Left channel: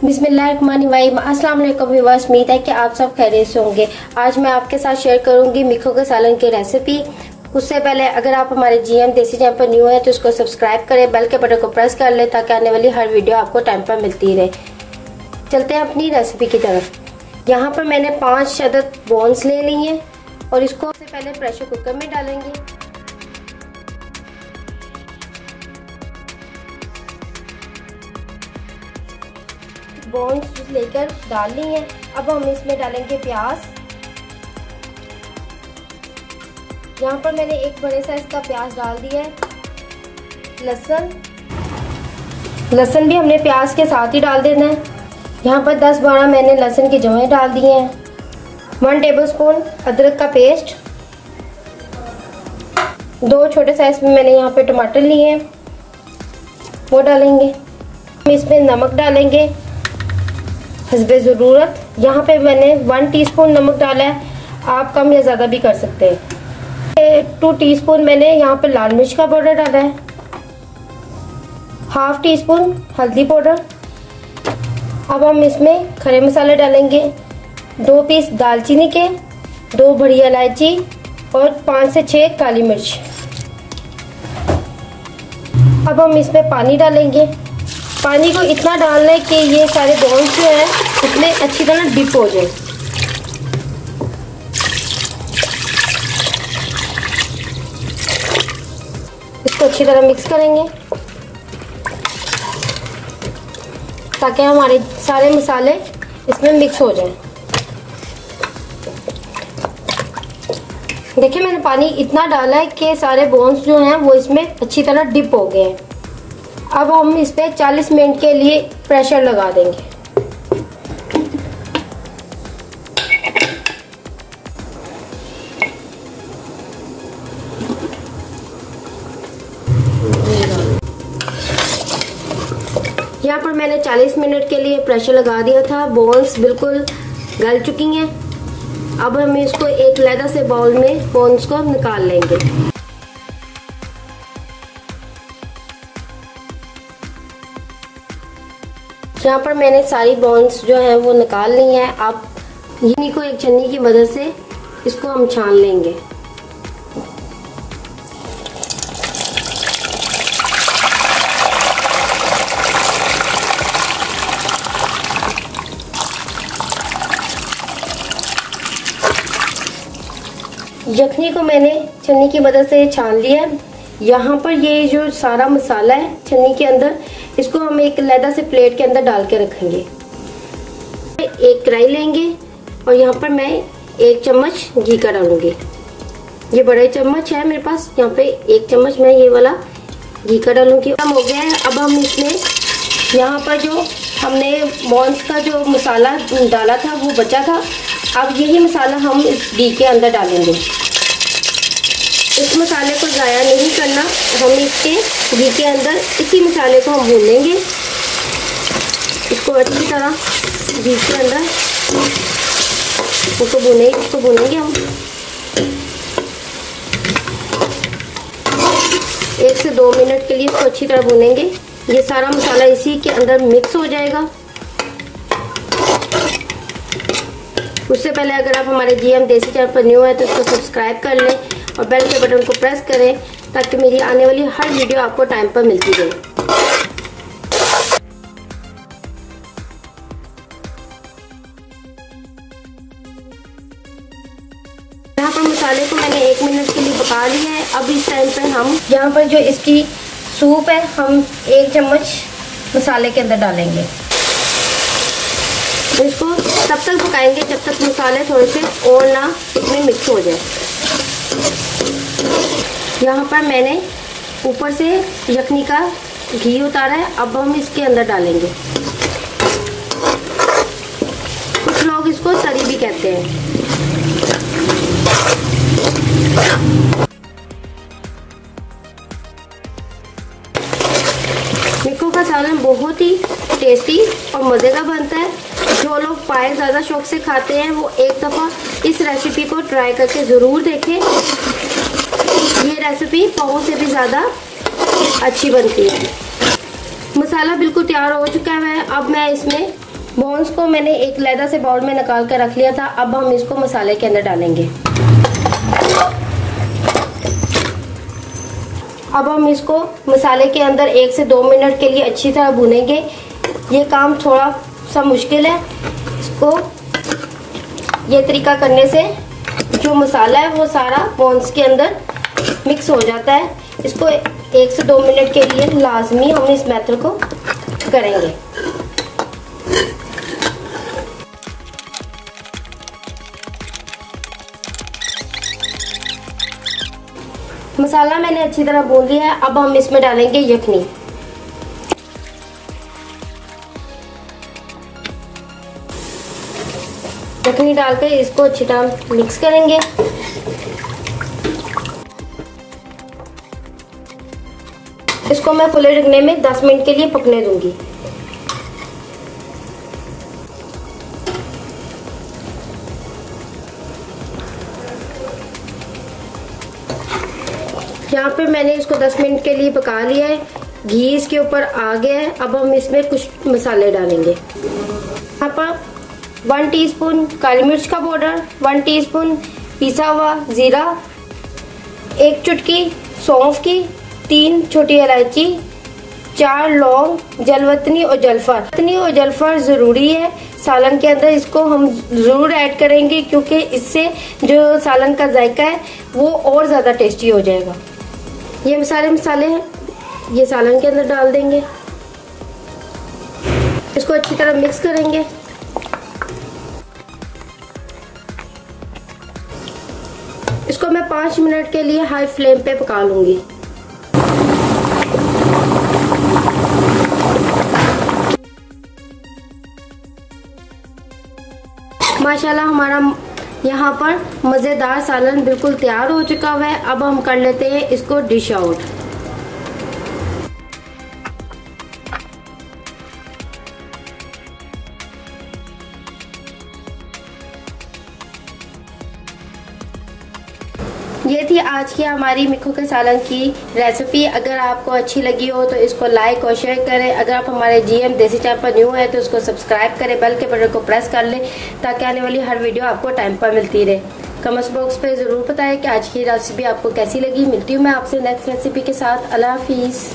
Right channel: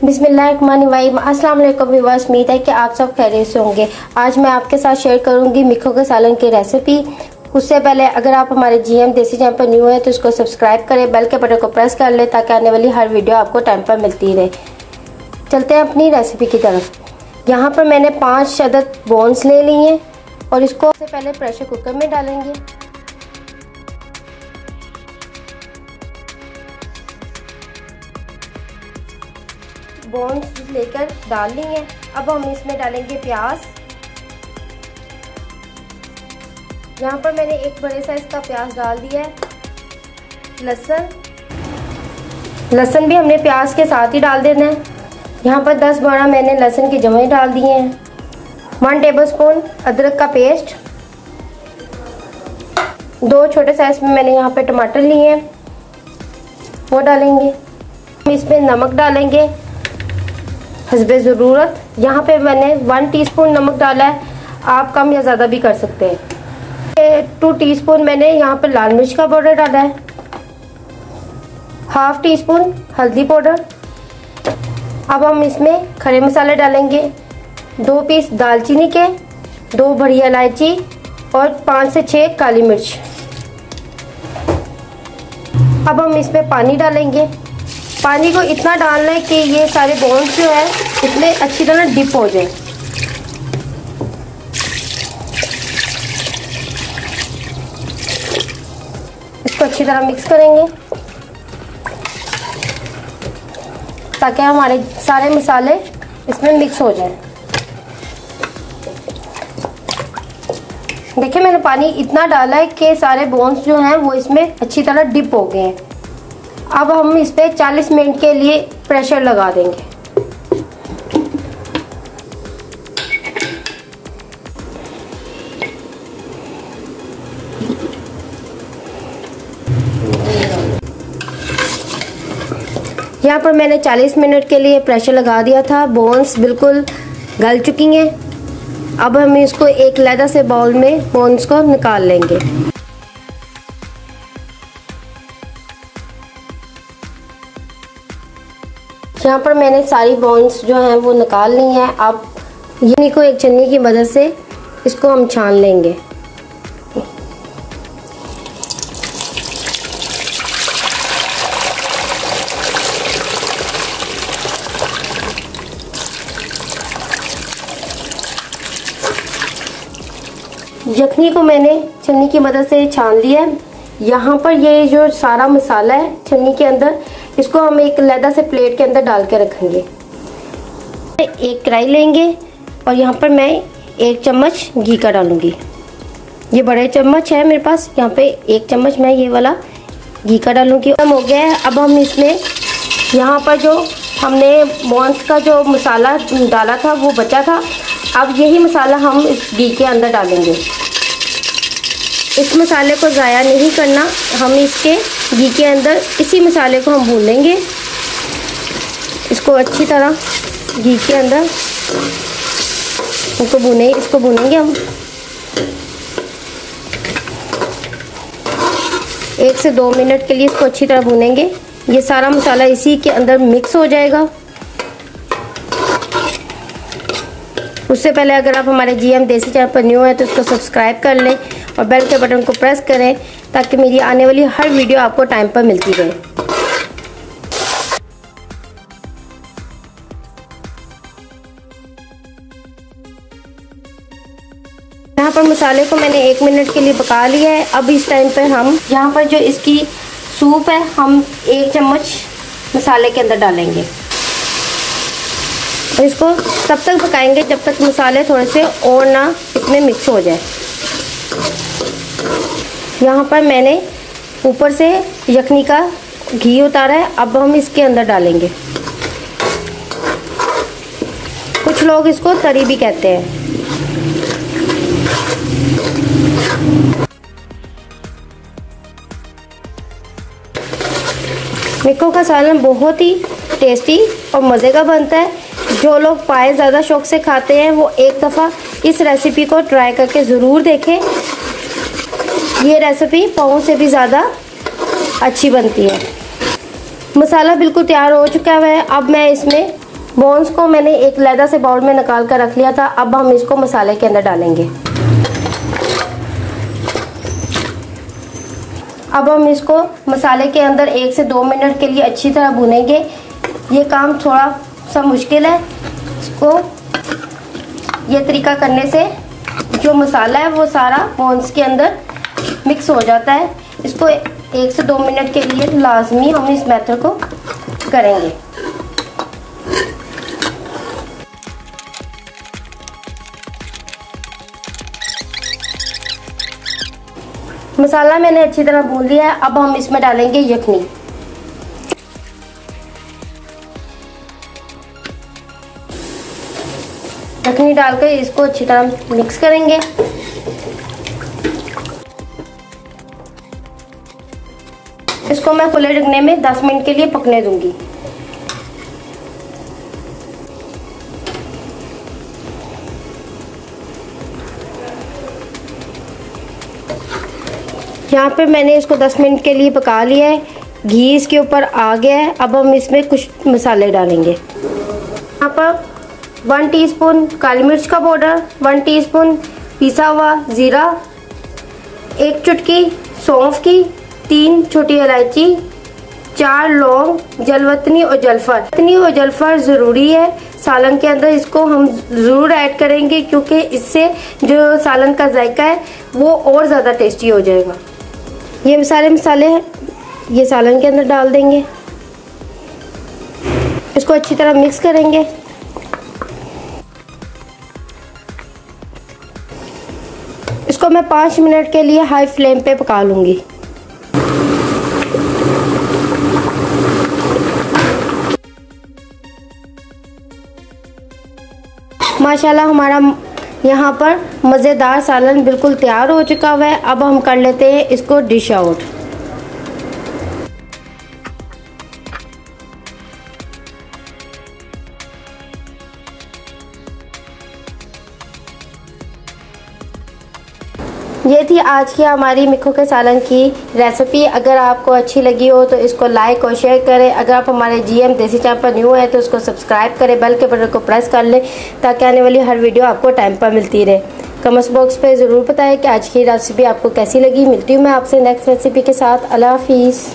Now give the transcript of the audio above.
बिस्मिल्लाहिर्रहमानिर्रहीम। अस्सलाम वालेकुम व्यूअर्स, उम्मीद है कि आप सब खैरियत से होंगे। आज मैं आपके साथ शेयर करूंगी मिक्खों के सालन की रेसिपी। उससे पहले अगर आप हमारे जीएम देसी चैनल पर न्यू है तो इसको सब्सक्राइब करें, बेल के बटन को प्रेस कर ले ताकि आने वाली हर वीडियो आपको टाइम पर मिलती रहे। चलते हैं अपनी रेसिपी की तरफ। यहाँ पर मैंने 5 अदद बोन्स ले ली हैं और इसको सबसे पहले प्रेशर कुकर में डालेंगे। बोन्स लेकर डाल ली हैं। अब हम इसमें डालेंगे प्याज। यहाँ पर मैंने एक बड़े साइज का प्याज डाल दिया है। लहसुन भी हमने प्याज के साथ ही डाल देना है। यहाँ पर 10-12 मैंने लहसुन के जवे डाल दिए हैं। 1 टेबलस्पून अदरक का पेस्ट। 2 छोटे साइज में मैंने यहाँ पे टमाटर लिए हैं, वो डालेंगे। इसमें नमक डालेंगे हस्बे ज़रूरत। यहाँ पे मैंने 1 टीस्पून नमक डाला है, आप कम या ज़्यादा भी कर सकते हैं। 2 टीस्पून मैंने यहाँ पे लाल मिर्च का पाउडर डाला है। 1/2 टीस्पून हल्दी पाउडर। अब हम इसमें खड़े मसाले डालेंगे। 2 पीस दालचीनी के, 2 बड़ी इलायची और 5 से 6 काली मिर्च। अब हम इसमें पानी डालेंगे। पानी को इतना डालना है कि ये सारे बोन्स जो है उसमें अच्छी तरह डिप हो जाए। इसको अच्छी तरह मिक्स करेंगे ताकि हमारे सारे मसाले इसमें मिक्स हो जाए। देखिए मैंने पानी इतना डाला है कि सारे बोन्स जो हैं वो इसमें अच्छी तरह डिप हो गए हैं। अब हम इस पे 40 मिनट के लिए प्रेशर लगा देंगे। यहाँ पर मैंने 40 मिनट के लिए प्रेशर लगा दिया था। बोन्स बिल्कुल गल चुकी हैं। अब हम इसको एक लैदा से बाउल में बोन्स को निकाल लेंगे। यहाँ पर मैंने सारी बोन्स जो हैं वो निकाल ली हैं। अब इन्हीं को एक छन्नी की मदद से इसको हम छान लेंगे। यखनी को मैंने छन्नी की मदद से छान लिया है। यहाँ पर ये जो सारा मसाला है छन्नी के अंदर, इसको हम एक लैदा से प्लेट के अंदर डाल के रखेंगे। एक कढ़ाई लेंगे और यहाँ पर मैं 1 चम्मच घी का डालूंगी। ये बड़े चम्मच है मेरे पास, यहाँ पे 1 चम्मच मैं ये वाला घी का डालूंगी। हो गया है। अब हम इसमें यहाँ पर जो हमने बोन्स का जो मसाला डाला था वो बचा था, अब यही मसाला हम इस घी के अंदर डालेंगे। इस मसाले को ज़ाया नहीं करना, हम इसके घी के अंदर इसी मसाले को हम भून लेंगे। इसको अच्छी तरह घी के अंदर इसको भूनेंगे हम 1 से 2 मिनट के लिए। इसको अच्छी तरह भूनेंगे। ये सारा मसाला इसी के अंदर मिक्स हो जाएगा। उससे पहले अगर आप हमारे जीएम देसी चैनल पर न्यू है तो इसको सब्सक्राइब कर लें और बेल के बटन को प्रेस करें ताकि मेरी आने वाली हर वीडियो आपको टाइम पर मिलती रहे। यहाँ पर मसाले को मैंने 1 मिनट के लिए पका लिया है। अब इस टाइम पर हम यहाँ पर जो इसकी सूप है हम 1 चम्मच मसाले के अंदर डालेंगे। इसको तब तक पकाएंगे जब तक मसाले थोड़े से और ना इसमें मिक्स हो जाए। यहाँ पर मैंने ऊपर से यखनी का घी उतारा है, अब हम इसके अंदर डालेंगे। कुछ लोग इसको तरी भी कहते हैं। मिक्खों का सालन बहुत ही टेस्टी और मज़े का बनता है। जो लोग पाए ज़्यादा शौक से खाते हैं वो एक दफ़ा इस रेसिपी को ट्राई करके ज़रूर देखें। ये रेसिपी पाव से भी ज़्यादा अच्छी बनती है। मसाला बिल्कुल तैयार हो चुका है। अब मैं इसमें बोन्स को मैंने एक लैदा से बाउल में निकाल कर रख लिया था। अब हम इसको मसाले के अंदर डालेंगे। अब हम इसको मसाले के अंदर 1 से 2 मिनट के लिए अच्छी तरह भूनेंगे। ये काम थोड़ा सा मुश्किल है। इसको ये तरीका करने से जो मसाला है वो सारा बोन्स के अंदर मिक्स हो जाता है। इसको 1 से 2 मिनट के लिए लाजमी हम इस मेथड को करेंगे। मसाला मैंने अच्छी तरह भून लिया है। अब हम इसमें डालेंगे यखनी। यखनी डालकर इसको अच्छी तरह मिक्स करेंगे। इसको मैं खुले ढकने में 10 मिनट के लिए पकने दूंगी। यहाँ पे मैंने इसको 10 मिनट के लिए पका लिया है। घी इसके ऊपर आ गया है। अब हम इसमें कुछ मसाले डालेंगे। यहाँ पर 1 टीस्पून काली मिर्च का पाउडर, 1 टीस्पून पिसा हुआ जीरा, 1 चुटकी सौंफ की, 3 छोटी इलायची, 4 लौंग, जलवतनी और जलफर। जलवतनी और जलफर जरूरी है सालन के अंदर, इसको हम जरूर ऐड करेंगे क्योंकि इससे जो सालन का जायका है वो और ज्यादा टेस्टी हो जाएगा। ये सारे मसाले हैं, ये सालन के अंदर डाल देंगे। इसको अच्छी तरह मिक्स करेंगे। इसको मैं 5 मिनट के लिए हाई फ्लेम पे पका लूंगी। माशाल्लाह हमारा यहाँ पर मजेदार सालन बिल्कुल तैयार हो चुका हुआ है। अब हम कर लेते हैं इसको डिश आउट। ये थी आज की हमारी मिक्खू के सालन की रेसिपी। अगर आपको अच्छी लगी हो तो इसको लाइक और शेयर करें। अगर आप हमारे GM देसी चैनल पर न्यू है तो इसको सब्सक्राइब करें, बेल के बटन को प्रेस कर लें ताकि आने वाली हर वीडियो आपको टाइम पर मिलती रहे। कमेंट्स बॉक्स पे जरूर बताएं कि आज की रेसिपी आपको कैसी लगी। मिलती हूँ मैं आपसे नेक्स्ट रेसिपी के साथ। अल्लाह हाफिज।